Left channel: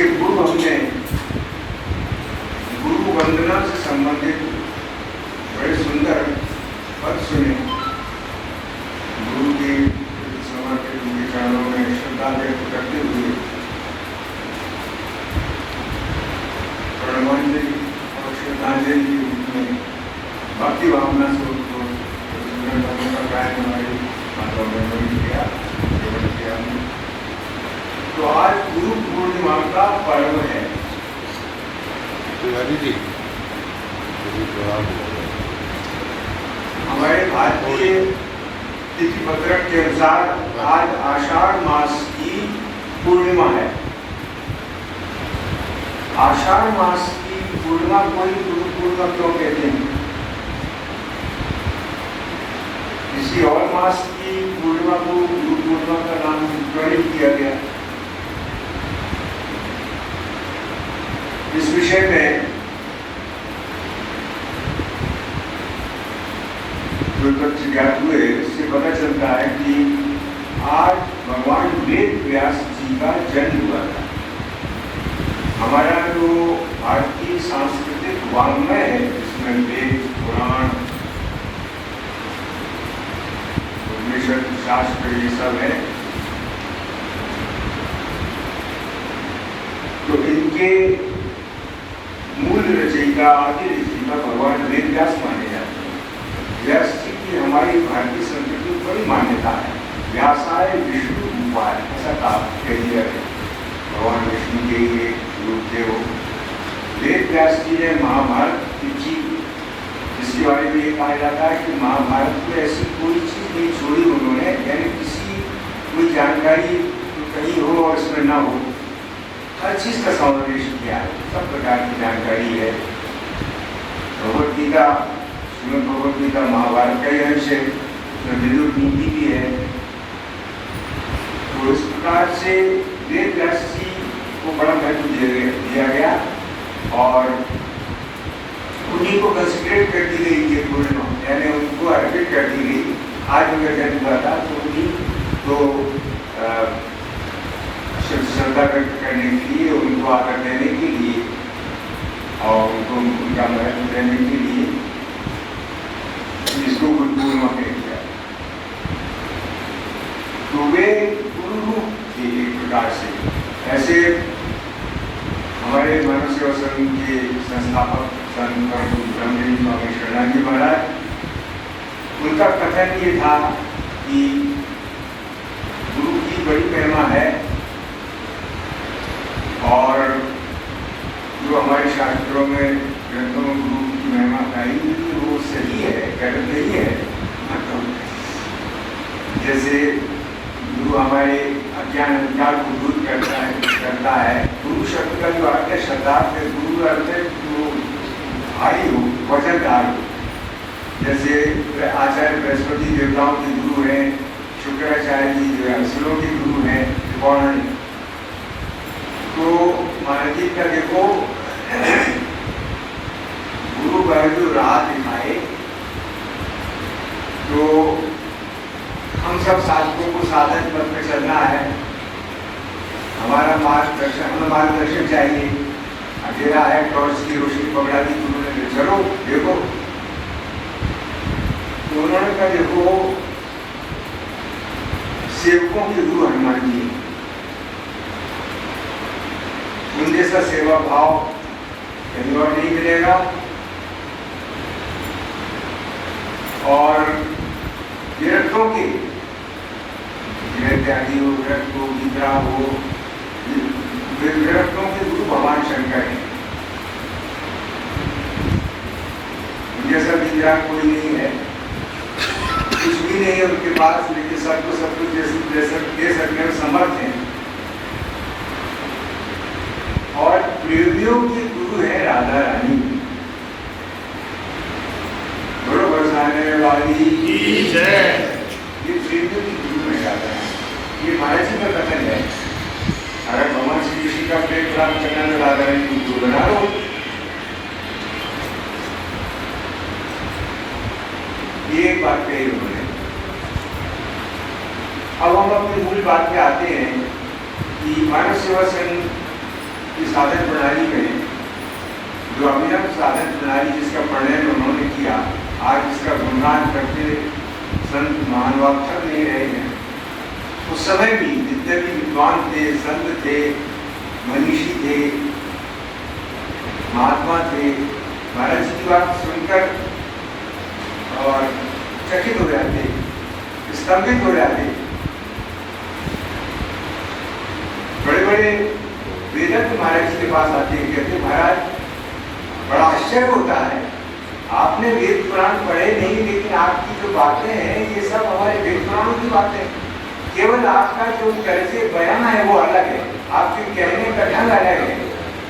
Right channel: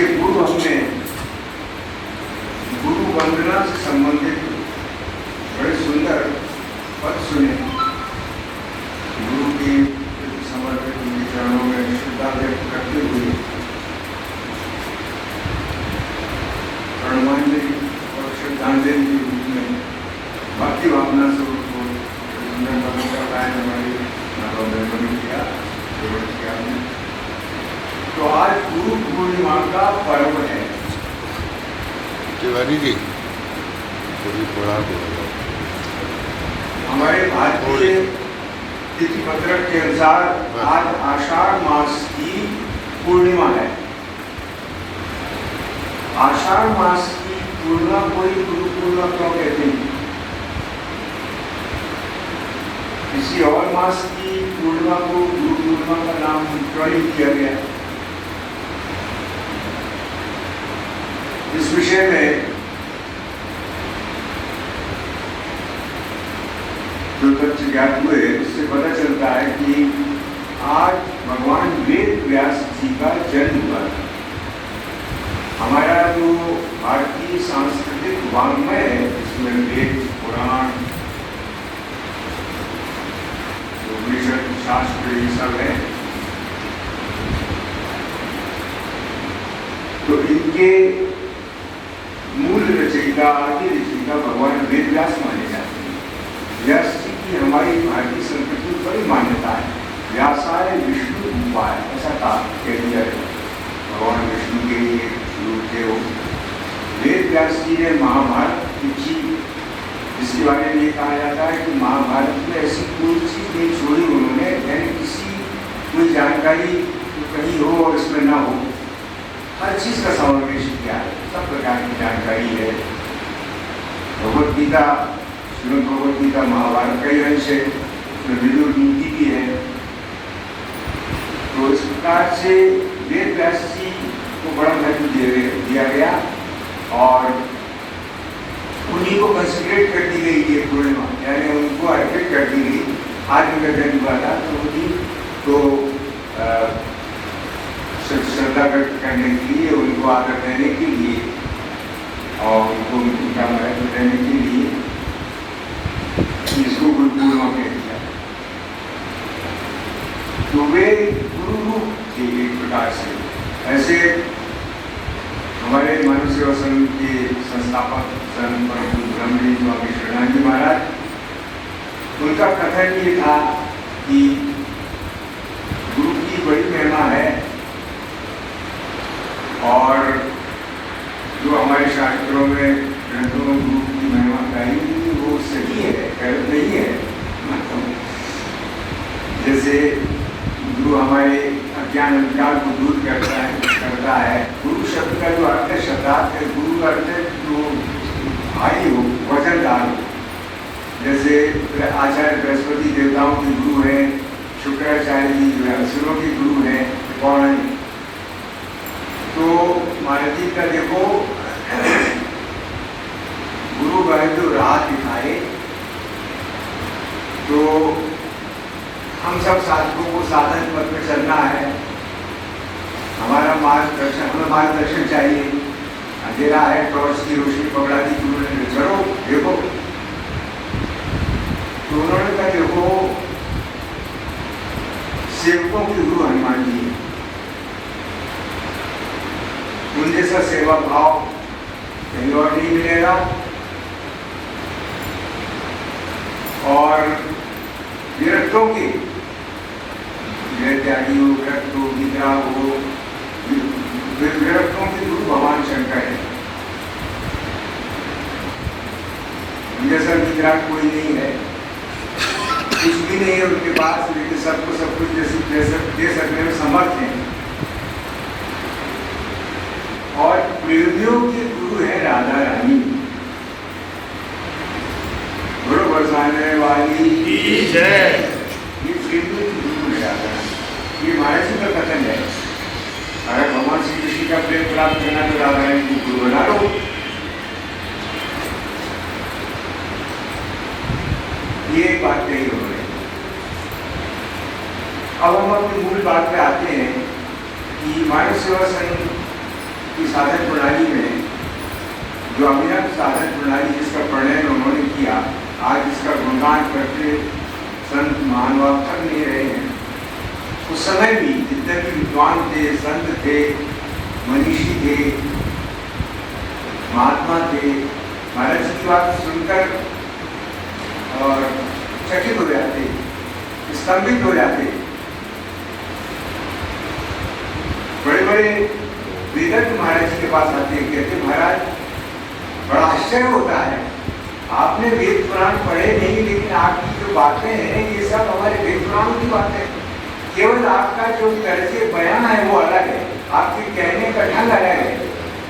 इसके पूर्व हमने गुरु वंदना से संबंधित बड़े सुंदर पद सुने। गुरु के समर्पित उनके चरणों में श्रद्धा व्यक्त करते हुए प्रणमांजलि और श्रद्धांजलि के रूप में भक्ति भावना स्वरूप को हमारी माता बहनों ने किया। तो आज गुरु पूर्णिमा का पर्व है। तिवारी जी हमारे भारतीय तिथि पत्रक के अनुसार आज आषाढ़ मास की पूर्णिमा है। आषाढ़ मास की पूर्णिमा को ही गुरु पूर्णिमा क्यों कहते हैं? किसी और मास की पूर्णिमा को गुरु पूर्णिमा का नाम क्यों नहीं किया गया? इस विषय में जो तथ्य ज्ञात हुए इससे पता चलता है कि आज भगवान वेद व्यास जी का जन्म हुआ था। हमारा जो भारतीय सांस्कृतिक वाङ्मय है जिसमें वेद, पुराण, उपनिषद, शास्त्र ये सब है, तो इनके मूल रचयिता, आदि रचयिता भगवान वेद व्यास माने जाते हैं। व्यास जी की हमारी भारतीय संस्कृति में बड़ी मान्यता है। व्यासाय विष्णु रूपाय, ऐसा कह दिया है। भगवान विष्णु के ये रूप थे वो। वेद व्यास जी ने महाभारत लिखी, जिसके बारे में ये कहा जाता है कि महाभारत में ऐसी कोई चीज नहीं छोड़ी उन्होंने, यानी किसी कोई जानकारी तो कहीं हो और इसमें न हो, हर चीज का समावेश किया है। सब प्रकार की जानकारी है। भगवत गीता, श्रीमद् भगवत गीता महाभारत का ही अंश है, उसमें विदुर नीति भी है। तो इस प्रकार से वेद व्यास जी को बड़ा महत्व दिया गया और उन्हीं को कंसिडरेट कर दी गई ये पूर्णिमा, यानी उनको अर्पित कर दी गई। आज उनका जन्म हुआ था तो उन्हीं को श्रद्धा व्यक्त करने के लिए, उनको आदर देने के लिए और उनको उनका महत्व देने के लिए इसको गुरु पूर्णिमा कह दिया। तो वे गुरु रूप थे एक प्रकार से। ऐसे हमारे मानव सेवा संघ के संस्थापक संत ब्रह्मजी स्वामी शरणानंद जी महाराज, उनका कथन ये था कि गुरु की बड़ी महिमा है और जो हमारे शास्त्रों में ग्रंथों में गुरु की महिमा कही हुई वो सही है, गलत नहीं है। जैसे गुरु हमारे अज्ञान अंधकार को दूर करता है। गुरु शब्द का जो अर्थ है, शब्दार्थ है, गुरु अर्थ है जो भाई हो, वजनदार हो। जैसे आचार्य बृहस्पति देवताओं के गुरु हैं, शुक्राचार्य जी जो है असुरों के गुरु हैं, कौन? तो महाराज जी का देखो गुरु का जो राह दिखाए, तो हम सब साधकों को साधन पथ में चलना है। हमारा मार्गदर्शन, हमें मार्गदर्शन चाहिए। अंधेरा है, टॉर्च की रोशनी पकड़ा दी, तुमने चलो देखो। तो उन्होंने कहा देखो सेवकों के गुरु हनुमान जी, उन जैसा सेवा भाव कहीं और नहीं मिलेगा। और विरक्तों के, त्यागी हो, विरक्त हो, विद्रा हो, विरक्तों के गुरु भगवान शंकर है। जैसा विद्रा कोई नहीं है, कुछ भी नहीं है उनके पास, लेकिन सबको सब कुछ दे सकने में समर्थ है। और प्रेमियों के गुरु है राधा रानी। गुरु बरसाने वाली की जय। ये प्रेमियों के गुरु है राधा रानी। ये महाराज जी का कथन है। अगर भगवान श्री कृष्ण का प्रेम प्राप्त करना तो राधा रानी को गुरु बना लो। ये एक बात कही उन्होंने। अब हम अपनी मूल बात पे आते हैं कि मानव सेवा संघ इस साधन प्रणाली में जो अभिनव साधन प्रणाली जिसका प्रणयन उन्होंने किया, आज इसका गुणगान करते संत महानुभाव थक नहीं रहे हैं। उस समय भी जितने भी विद्वान थे, संत थे, मनीषी थे, महात्मा थे, महाराज जी की बात सुनकर और चकित हो जाते, स्तंभित हो जाते। बड़े बड़े वेदज्ञ महाराज जी के पास आते हैं, कहते महाराज बड़ा आश्चर्य होता है, आपने वेद पुराण पढ़े नहीं, लेकिन आपकी जो बातें हैं ये सब हमारे वेद पुराणों की बातें, केवल आपका जो तरह से बयान है वो अलग है, आपके कहने का ढंग अलग है,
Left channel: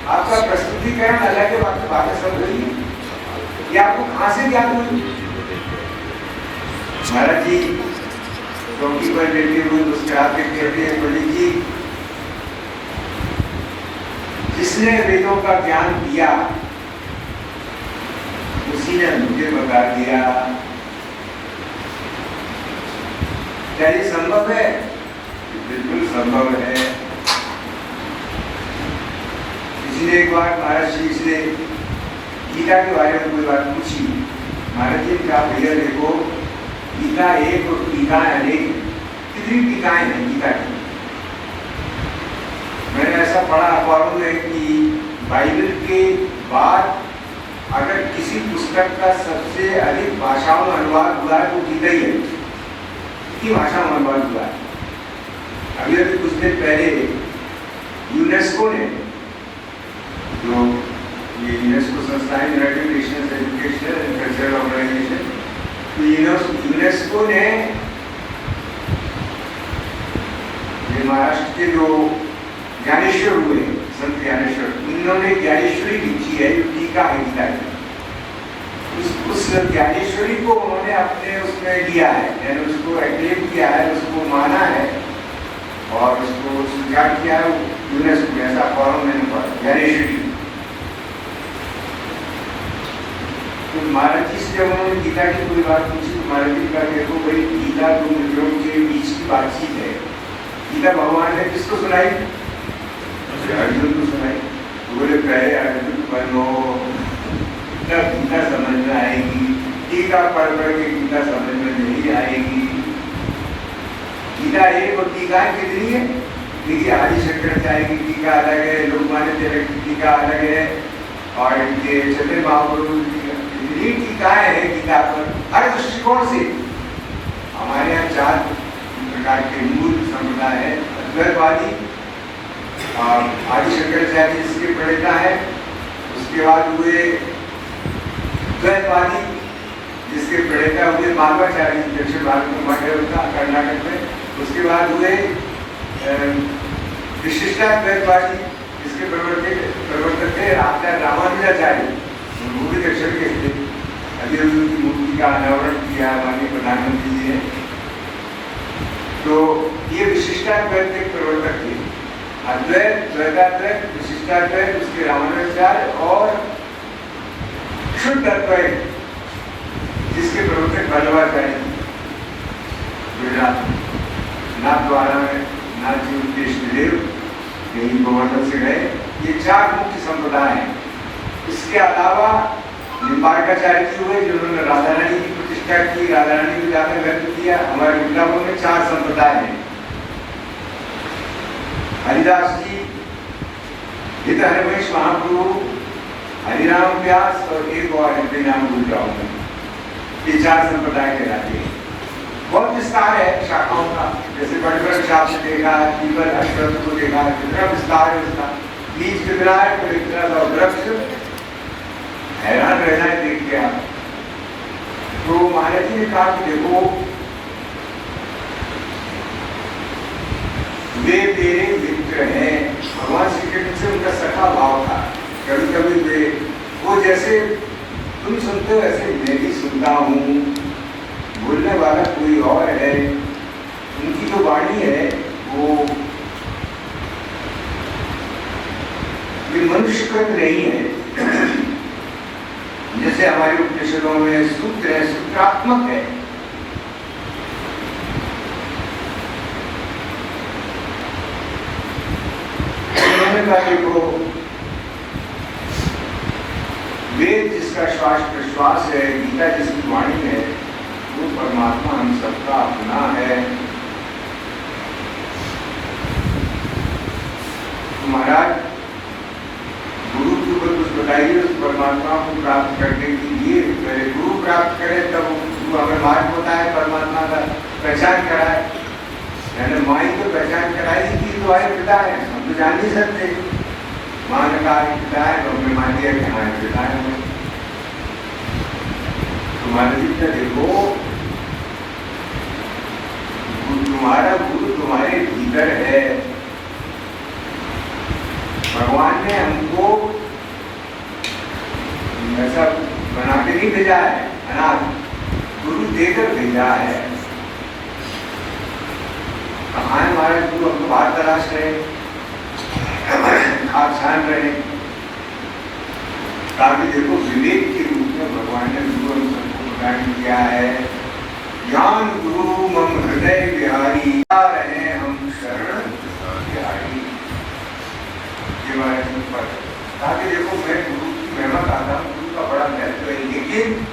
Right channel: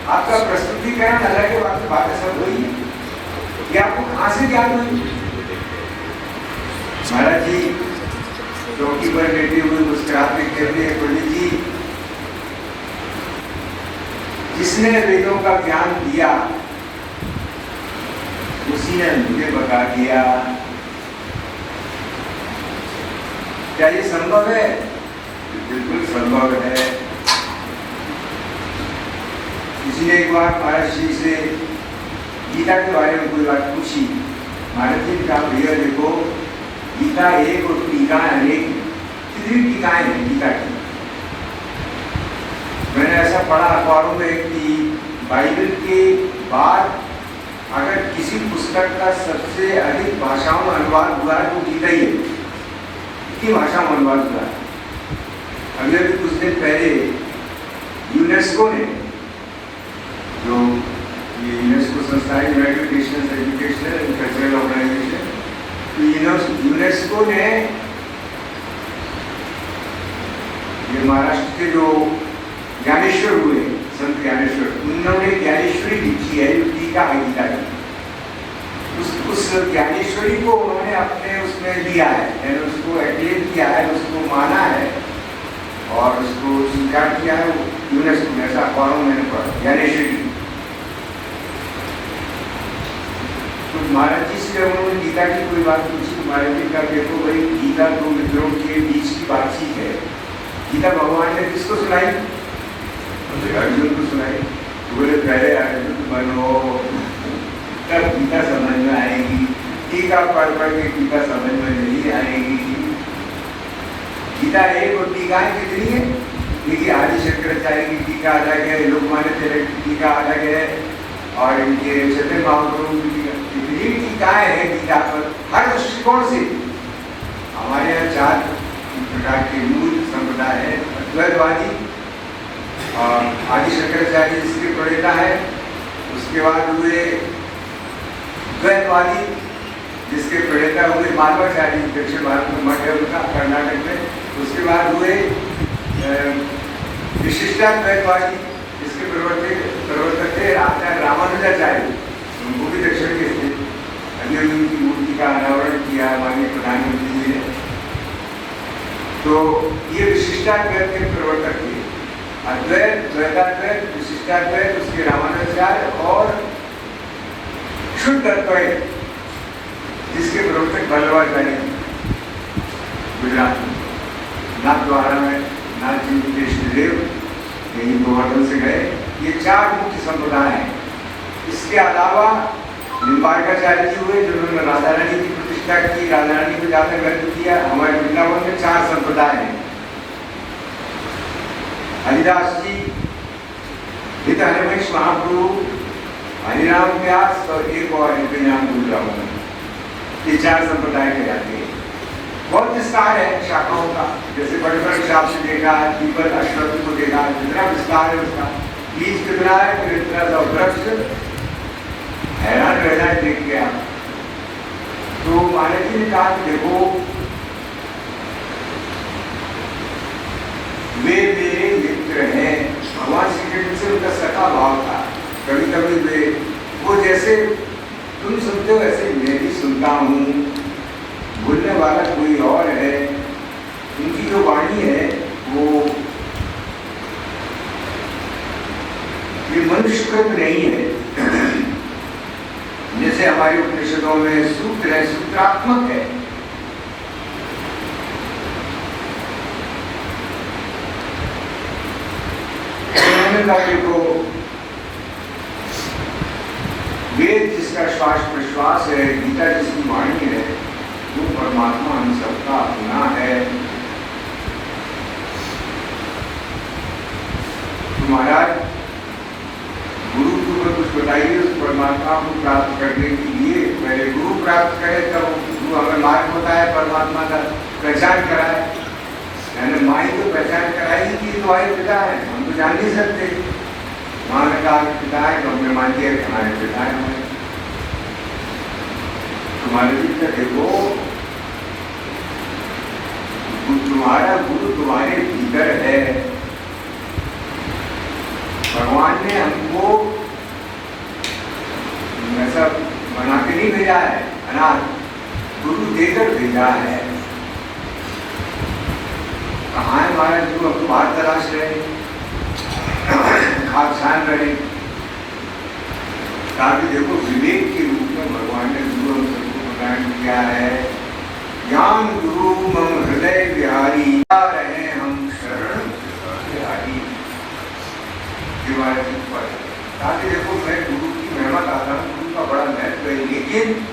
आपका प्रस्तुतिकरण अलग है, बाकी बातें सब वही है। ये आपको कहाँ से ज्ञान हुई? महाराज जी चौकी पर बैठे हुए मुस्कुराते कहते हैं, पंडित जी जिसने वेदों का ज्ञान दिया उसी ने मुझे बता दिया। क्या ये संभव है? बिल्कुल संभव है। किसी ने एक बार महाराज जी से गीता के बारे में कोई बात पूछी, महाराज जी ने कहा भैया देखो गीता एक और टीकाएं अनेक, कितनी टीकाएं हैं गीता की। मैंने ऐसा पढ़ा अखबारों में कि बाइबल के बाद अगर किसी पुस्तक का सबसे अधिक भाषाओं में अनुवाद हुआ है तो गीता ही है। कितनी भाषा में अनुवाद हुआ है? अभी कुछ दिन पहले यूनेस्को ने, जो ये यूनेस्को संस्था है, United Nations Educational and Cultural Organisation, तो यूनेस्को ने ये महाराष्ट्र के जो ज्ञानेश्वर हुए संत ज्ञानेश्वर, उन्होंने ज्ञानेश्वरी लिखी है जो टीका है गीता की। उस ज्ञानेश्वरी को उन्होंने अपने उसमें लिया है, यानी उसको एक्लेम किया है, उसको माना है और उसको स्वीकार किया है यूनेस्को ने। ऐसा अखबारों में पढ़ा ज्ञानेश्वरी। तो महाराज जी से जब उन्होंने गीता की कोई बात पूछी, महाराज जी का देखो भाई गीता दो मित्रों के बीच की बातचीत है, गीता भगवान ने किसको सुनाई? अर्जुन को सुनाई। बोले पहले अर्जुन बनो तब गीता समझ में आएगी, टीका पढ़ पढ़ के गीता समझ में नहीं आएगी। गीता एक और टीकाएं कितनी है? देखिए आदि शंकराचार्य की टीका अलग है, लोकमान्य तिलक की टीका अलग है, और इनके चंद्र महाप्रभु की कितनी टीकाएं हैं गीता पर, हर दृष्टिकोण से। हमारे यहाँ 4 प्रकार के मूल संप्रदाय है। अद्वैतवादी आदि शंकराचार्य जिसके प्रणेता है, उसके बाद हुए द्वैतवादी जिसके प्रणेता हुए माधवाचार्य, दक्षिण भारत में मठ है उनका कर्नाटक में। उसके बाद हुए विशिष्टाद्वैतवादी जिसके प्रवर्तक थे रामानुजाचार्य, वो भी दक्षिण के थे। अभी उनकी मूर्ति का अनावरण किया हमारे प्रधानमंत्री जी ने। तो ये विशिष्टाद्वैत के प्रवर्तक थे। अद्वैत, द्वैताद्वैत, विशिष्टाद्वैत, उसके रामानुजाचार्य और शुद्ध अद्वैत जिसके प्रवर्तक वल्लभाचार्य, नाथद्वारा में नाथ जी कृष्णदेव यही गोवर्धन से गए। ये 4 मुख्य संप्रदाय हैं। इसके अलावा निम्बार्काचार्य जी हुए जिन्होंने राधा रानी की प्रतिष्ठा की, राधा रानी को ज्यादा गर्व किया। हमारे वृंदावन में 4 संप्रदाय हैं। हरिदास जी, हित हरमेश महाप्रभु, हरिराम व्यास और एक और इनके नाम भूल रहा हूँ। ये 4 संप्रदाय कहलाते हैं। बहुत विस्तार है शाखाओं का, जैसे बड़े शाप से देखा, जीवन अश्वत्थ को देखा, कितना विस्तार है उसका, बीज कितना है, तो इतना सा वृक्ष, हैरान रहना है देख के आप। तो महाराज जी ने कहा कि देखो वे मेरे मित्र हैं। भगवान श्री कृष्ण से उनका सखा भाव था। कभी कभी वे वो जैसे तुम सुनते हो ऐसे मैं भी सुनता हूँ, बोलने वाला कोई और है। उनकी जो वाणी है वो ये मनुष्यकृत नहीं है। जैसे हमारे उपनिषदों में सूत्र है, सूत्रात्मक है। उन्होंने कहा देखो वेद जिसका श्वास प्रश्वास है, गीता जिसकी वाणी है, वो परमात्मा हम सबका अपना है। तो महाराज गुरु जी को कुछ बताइए उस परमात्मा को प्राप्त करने के लिए। पहले गुरु प्राप्त करे तब गुरु हमें मार्ग बताए, परमात्मा का पहचान कराए। मैंने माँ ही तो पहचान कराई कि तुम्हारे पिता है, हम तो जान नहीं सकते। माँ ने कहा कि पिता है, तो हमने मान लिया कि हमारे पिता है। हमें तुम्हारे जितना देखो, तुम्हारा गुरु तुम्हारे भीतर है। भगवान ने हमको ऐसा बना के नहीं भेजा है अनाथ, गुरु देकर भेजा है। कहाँ है हमारे गुरु? हमको बाहर तलाश रहे, आप ध्यान रहे। ताकि देखो विवेक के रूप में भगवान ने गुरु हम सबको ग्रहण किया है। ज्ञान गुरु मम हृदय बिहारी, रहे हम शरण बिहारी। ताकि देखो मैं गुरु की महिमा कहता हूँ, गुरु का बड़ा महत्व है। लेकिन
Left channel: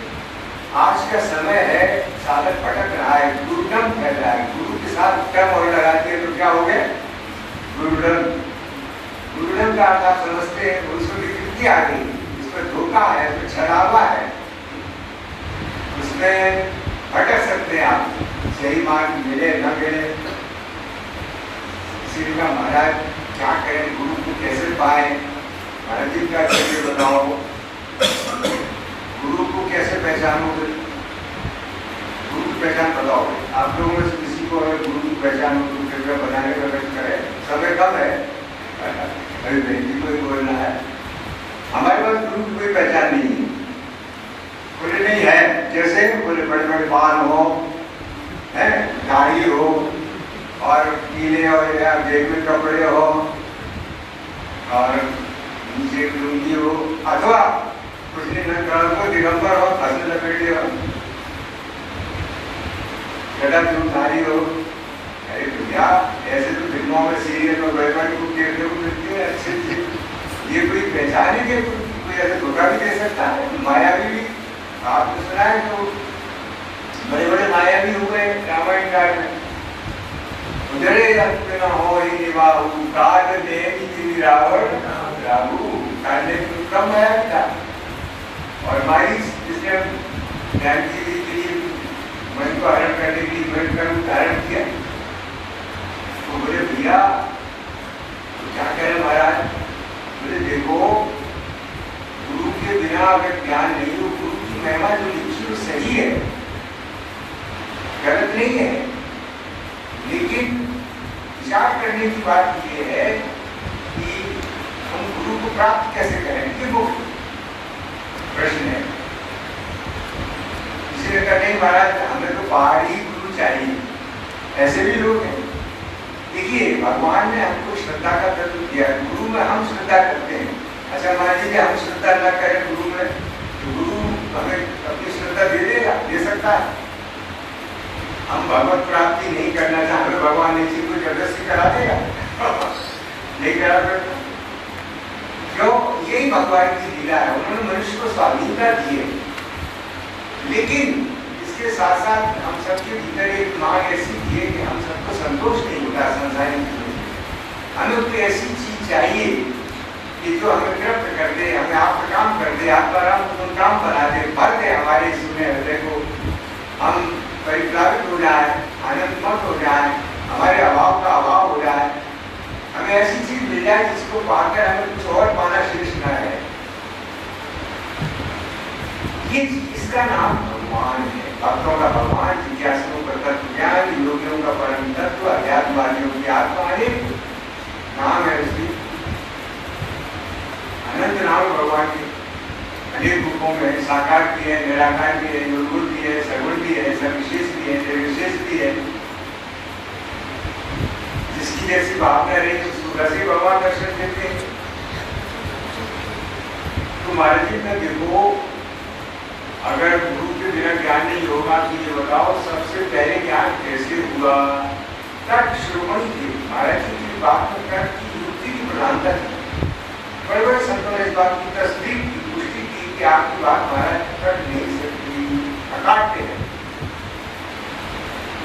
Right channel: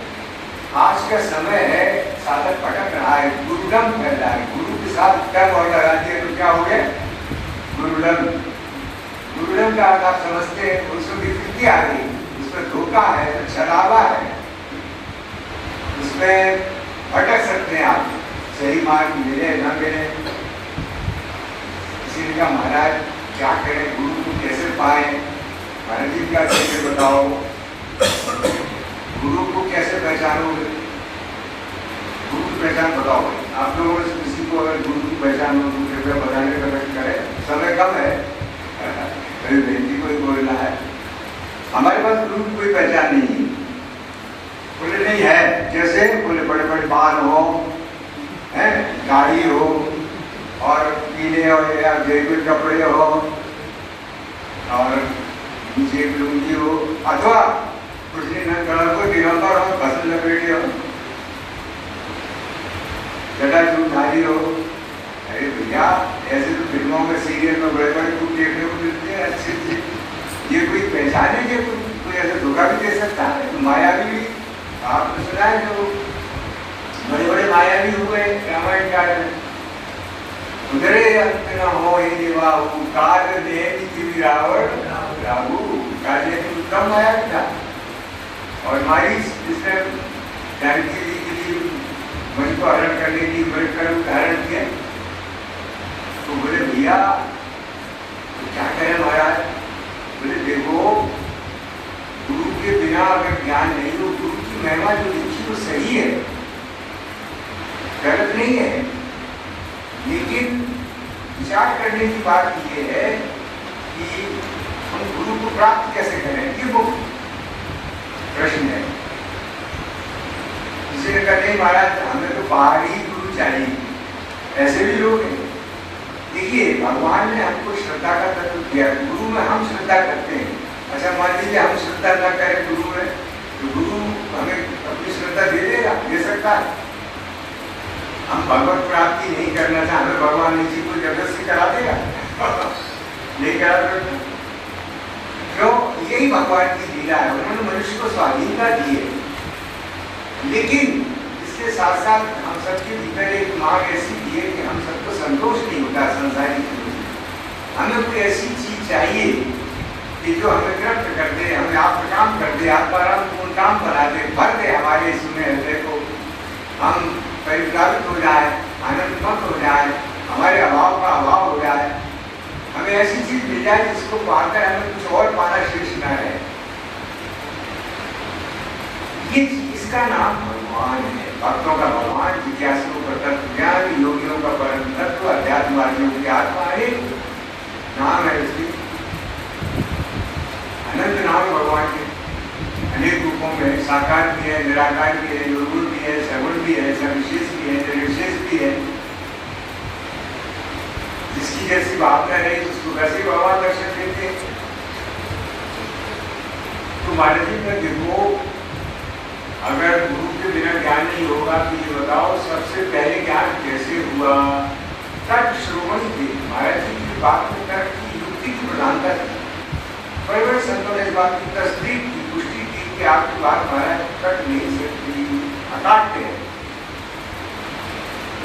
आज का समय है, साधक भटक रहा है, गुरुडम कर रहा है। गुरु के साथ क्या और लगा दिया तो क्या हो गया? गुरुडम। गुरुडम का अर्थ आप समझते हैं, उसमें विकृति आ गई, इसमें धोखा है, तो छलावा है, इसमें भटक सकते हैं आप, सही मार्ग मिले ना मिले। इसीलिए महाराज क्या करें, गुरु को कैसे पाए? महाराज जी का कैसे बताओ, गुरु को कैसे पहचानोगे? गुरु की पहचान बताओ। आप लोगों ने किसी को अगर गुरु की पहचान हो तो कृपया बताने का प्रयत्न करें। समय कम है, मेरी बेटी को ही बोलना है। हमारे पास गुरु की कोई पहचान नहीं है। बोले नहीं है, जैसे बोले बड़े बड़े बाल हो, हैं, गाड़ी हो, और पीले और जेबी कपड़े हो, और नीचे लुंगी हो, अथवा कुछ दिन दिगंबर हो, फसल लपेटी हो, गला चूधारी हो। अरे भैया, ऐसे तो फिल्मों में सीरियल में बड़े बड़े को देखने को मिलती है। अच्छे ये कोई पहचान है कि कोई ऐसे धोखा भी दे सकता है? मायावी भी आपने सुना है, जो बड़े बड़े मायावी हुए रामायण काल में। उधरे न हो बाबू काल देवी रावण राबू, काल ने कम माया था। और मारी जिसने जानकी जी के लिए मन को हरण करने की मन धारण किया, तो बोले भैया क्या करें महाराज? बोले देखो, गुरु के बिना अगर ज्ञान नहीं हो, गुरु की महिमा जो लिखी वो सही है, गलत नहीं है। लेकिन विचार करने की बात यह है कि हम गुरु को प्राप्त कैसे करें, ये वो प्रश्न है। इसलिए कहते हैं महाराज हमें तो पहाड़ी गुरु चाहिए, ऐसे भी लोग हैं। देखिए, भगवान ने हमको श्रद्धा का तत्व दिया, गुरु में हम श्रद्धा करते हैं। अच्छा मान लीजिए हम श्रद्धा न करें गुरु में, तो गुरु हमें अपनी श्रद्धा दे देगा, दे सकता है। हम भगवत प्राप्ति नहीं करना चाहते, भगवान ने चीज को जबरदस्ती करा देगा? नहीं करा सकता। क्यों? यही भगवान की लीला है, उन्होंने मनुष्य को स्वाधीनता दी है। लेकिन इसके साथ साथ हम सबके भीतर एक मांग ऐसी दी है कि हम सबको संतोष नहीं होता संसारी चीजों। हमें कोई ऐसी चीज चाहिए कि जो हमें तृप्त कर दे, हमें आप काम कर दे, आप पर हम काम बना दे, भर दे हमारे सुने हृदय को, हम परिप्लावित हो जाए, आनंदमत हो जाए, हमारे अभाव का अभाव हो जाए। हमें ऐसी चीज मिल जाए जिसको पाकर हमें कुछ और पाना शेष न है। ये इसका नाम भगवान है, भक्तों का भगवान, जिज्ञासुओं का तत्व ज्ञान, योगियों का परम तत्व, अध्यात्मवादियों की आत्मा। एक नाम है उसकी, अनंत नाम भगवान के अनेक रूपों में, साकार भी है, निराकार भी है, निर्गुण भी है, सगुण भी है, सविशेष भी है, निर्विशेष भी है। जिसकी जैसी भावना नहीं उसको वैसे भगवान दर्शन देते हैं। तो महाराज जी का देखो, अगर गुरु के बिना ज्ञान नहीं होगा तो ये बताओ सबसे पहले ज्ञान कैसे हुआ? तर्क श्रोमणी थे महाराज जी की बात में, तर्क की युक्ति की प्रधानता थी। बड़े बड़े संतों ने इस बात की तस्दीक की, पुष्टि की कि आपकी बात महाराज कट नहीं सकती, काटते हैं।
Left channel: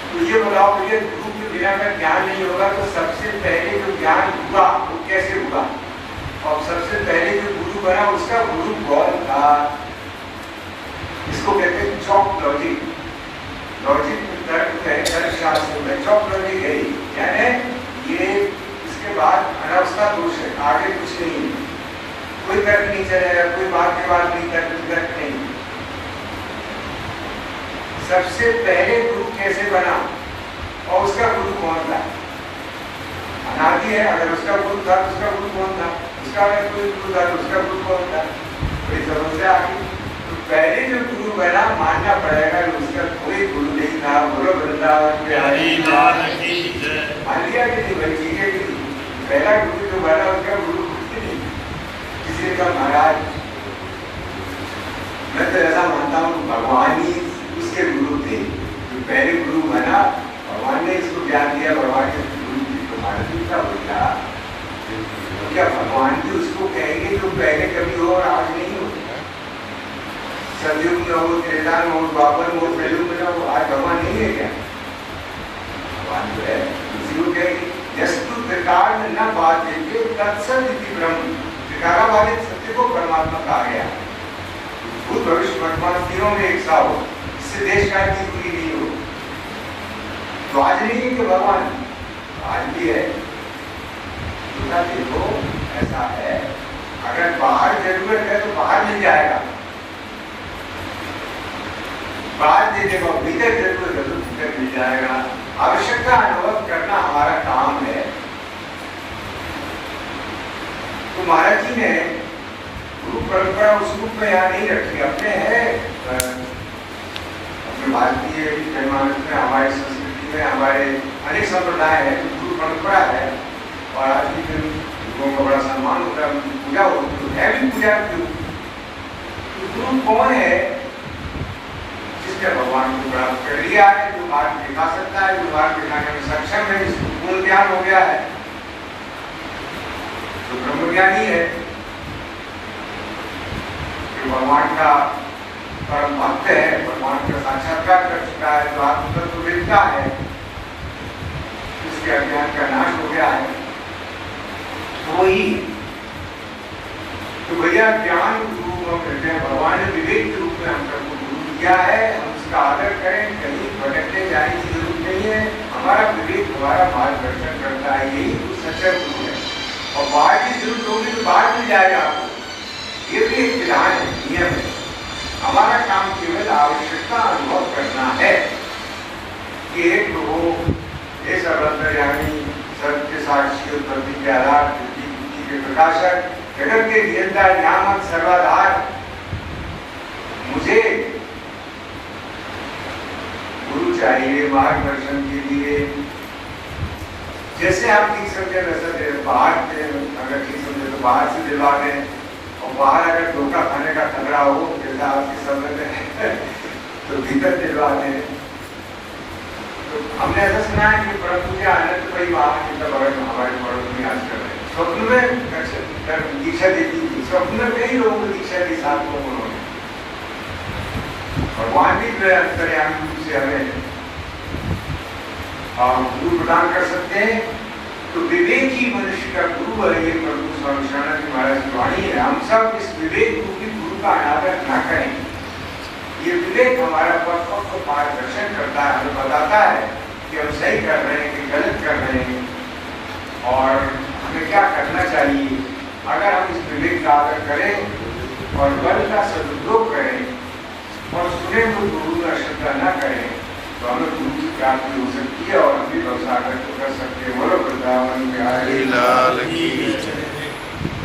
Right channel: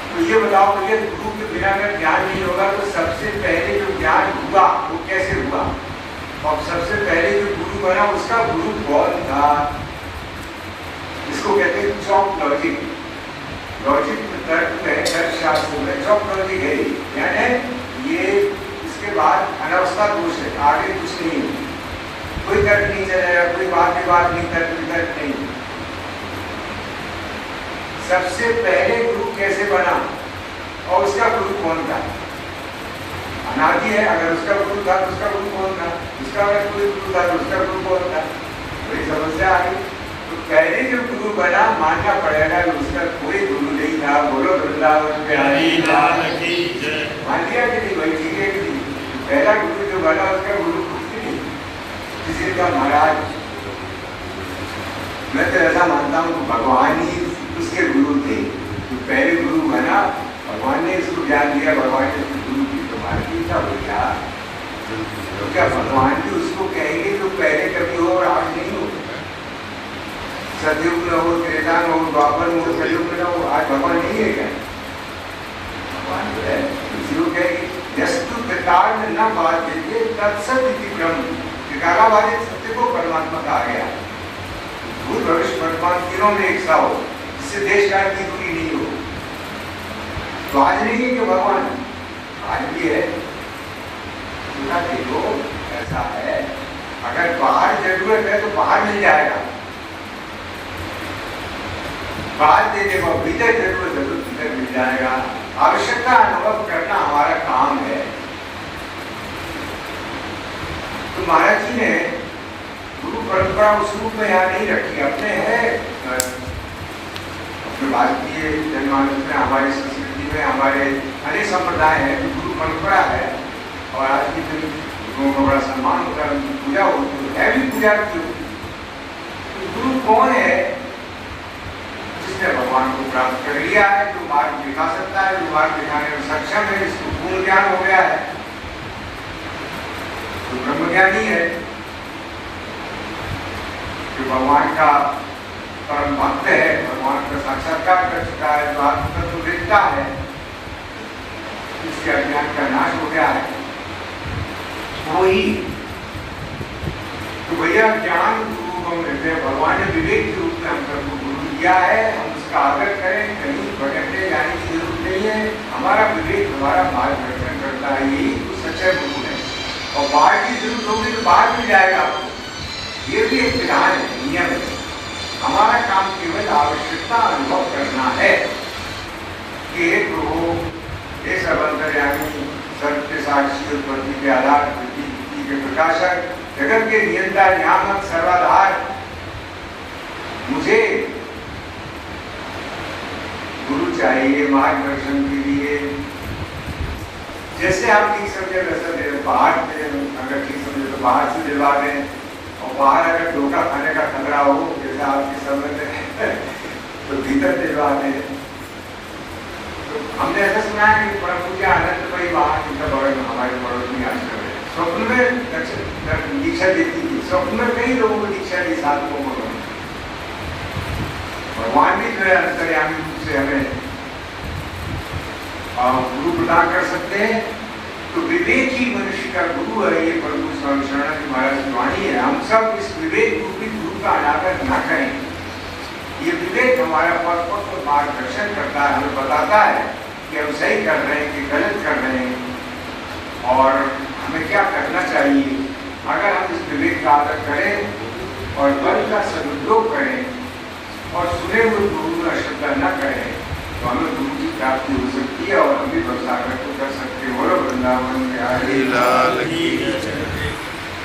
तो ये बताओ मुझे, गुरु के बिना अगर ज्ञान नहीं होगा तो सबसे पहले जो ज्ञान हुआ वो कैसे हुआ? और सबसे पहले जो गुरु बना उसका गुरु कौन था? इसको कहते हैं चॉक लॉजिक। लॉजिक में तर्क है, तर्क शास्त्र में चॉक लॉजिक है, यानी ये इसके बाद अनावस्था दोष है, आगे कुछ नहीं है, कोई तर्क नहीं चलेगा, कोई बात के बाद नहीं, तर्क नहीं। सबसे पहले गुरु कैसे बना और उसका गुरु कौन था? अनादि है, अगर उसका गुरु था तो उसका गुरु कौन था? उसका अगर कोई गुरु था तो उसका गुरु कौन था? बड़ी समस्या आ गई। तो पहले जो गुरु बना मानना पड़ेगा कि उसका कोई गुरु नहीं था। बोलो वृंदावन बिहारी लाल की जय। मान लिया कि नहीं भाई, ठीक है कि नहीं? पहला गुरु जो बना उसका गुरु कुछ नहीं। किसी का महाराज, मैं तो ऐसा मानता हूँ भगवान ही उसके गुरु थे। तो पहले गुरु बना, भगवान ने इसको ज्ञान दिया, भगवान के गुरु की तुम्हारा की था वो क्या भगवान भी उसको कहेंगे जो पहले कभी हो और आज नहीं हो? सतयुग में हो, त्रेता में हो, द्वापर में हो, कलयुग में हो, आज भगवान नहीं है क्या? भगवान तो है। इसी को कहेंगे यस्तु त्रिकाल में न बात देते तत्सत इति ब्रह्म। त्रिकालाबाधित सत्य को परमात्मा कहा गया। भूत भविष्य वर्तमान तीनों में एक सा हो, इससे देश काल की दूरी नहीं हो। तो आज नहीं है कि भगवान, आज भी है। देखो ऐसा है, अगर बाहर जरूरत है तो बाहर मिल जाएगा, बाहर दे देखो, भीतर जरूरत है तो भीतर मिल जाएगा। आवश्यकता अनुभव करना हमारा काम है। तो महाराज जी ने गुरु परंपरा उस रूप में यहाँ नहीं रखी, अपने है अपने भारतीय जनमानस में, हमारी संस्कृति में, हमारे अनेक संप्रदाय है, गुरु परंपरा है। और आज की दिन गुरुओं का बड़ा सम्मान होता है, उनकी पूजा होती है भी। पूजा क्यों? गुरु कौन है? जिसने भगवान को प्राप्त कर लिया है, जो मार्ग दिखा सकता है, जो मार्ग दिखाने में सक्षम है, जिसको पूर्ण ज्ञान हो गया है, तो ब्रह्मज्ञानी है, जो भगवान का परम भक्त है, भगवान का साक्षात्कार कर चुका है, जो आत्म तत्व देखता है, उसके अज्ञान का नाश हो गया है, वही। तो भैया ज्ञान गुरु हम रहते हैं, भगवान ने विवेक के रूप में हम सबको गुरु दिया है, हम उसका आदर करें, कहीं भटकने जाने की जरूरत नहीं है। हमारा विवेक हमारा मार्गदर्शन करता है, यही तो सच्चा गुरु है। और बाहर की जरूरत होगी तो बाहर मिल जाएगा आपको, ये भी एक विधान है, नियम है। हमारा काम केवल आवश्यकता अनुभव करना है कि हे प्रभु, हे सब अंतर्यामी, सत्य साक्षी, उत्पत्ति के आधार, बुद्धि के प्रकाशक, जगत के नियंता, नियामक, सर्वाधार, मुझे गुरु चाहिए मार्गदर्शन के लिए। जैसे आप ठीक समझे वैसा दे, बाहर से अगर ठीक समझे तो बाहर से दिलवा दें, और बाहर अगर धोखा खाने का खतरा हो जैसा आपके समझ है तो भीतर दिलवा दें। तो हमने ऐसा सुना है कि प्रभु के आनंद भाई वहां हमारे पड़ोस में आज कर रहे, स्वप्न में दीक्षा देती थी, स्वप्न में कई लोगों को दीक्षा दी, साथ को उन्होंने। भगवान भी जो है अंतर्यामी रूप से हमें गुरु प्रदान कर सकते हैं। तो विवेक ही मनुष्य का गुरु है, ये प्रभु स्वामी शरणानंद महाराज की वाणी है। हम सब इस विवेक रूपी गुरु का अनादर न करें। ये विवेक हमारा पथ को मार्गदर्शन करता है, हमें बताता है कि हम सही कर रहे हैं कि गलत कर रहे हैं और हमें क्या करना चाहिए। अगर हम इस विवेक का आदर करें और बल का सदुपयोग करें और सुने हुए गुरु में अश्रद्धा न करें तो हमें गुरु की प्राप्ति हो सकती है और हम भी व्यवसाय कर सकते हैं। बोलो वृंदावन बिहारी लाल की जय।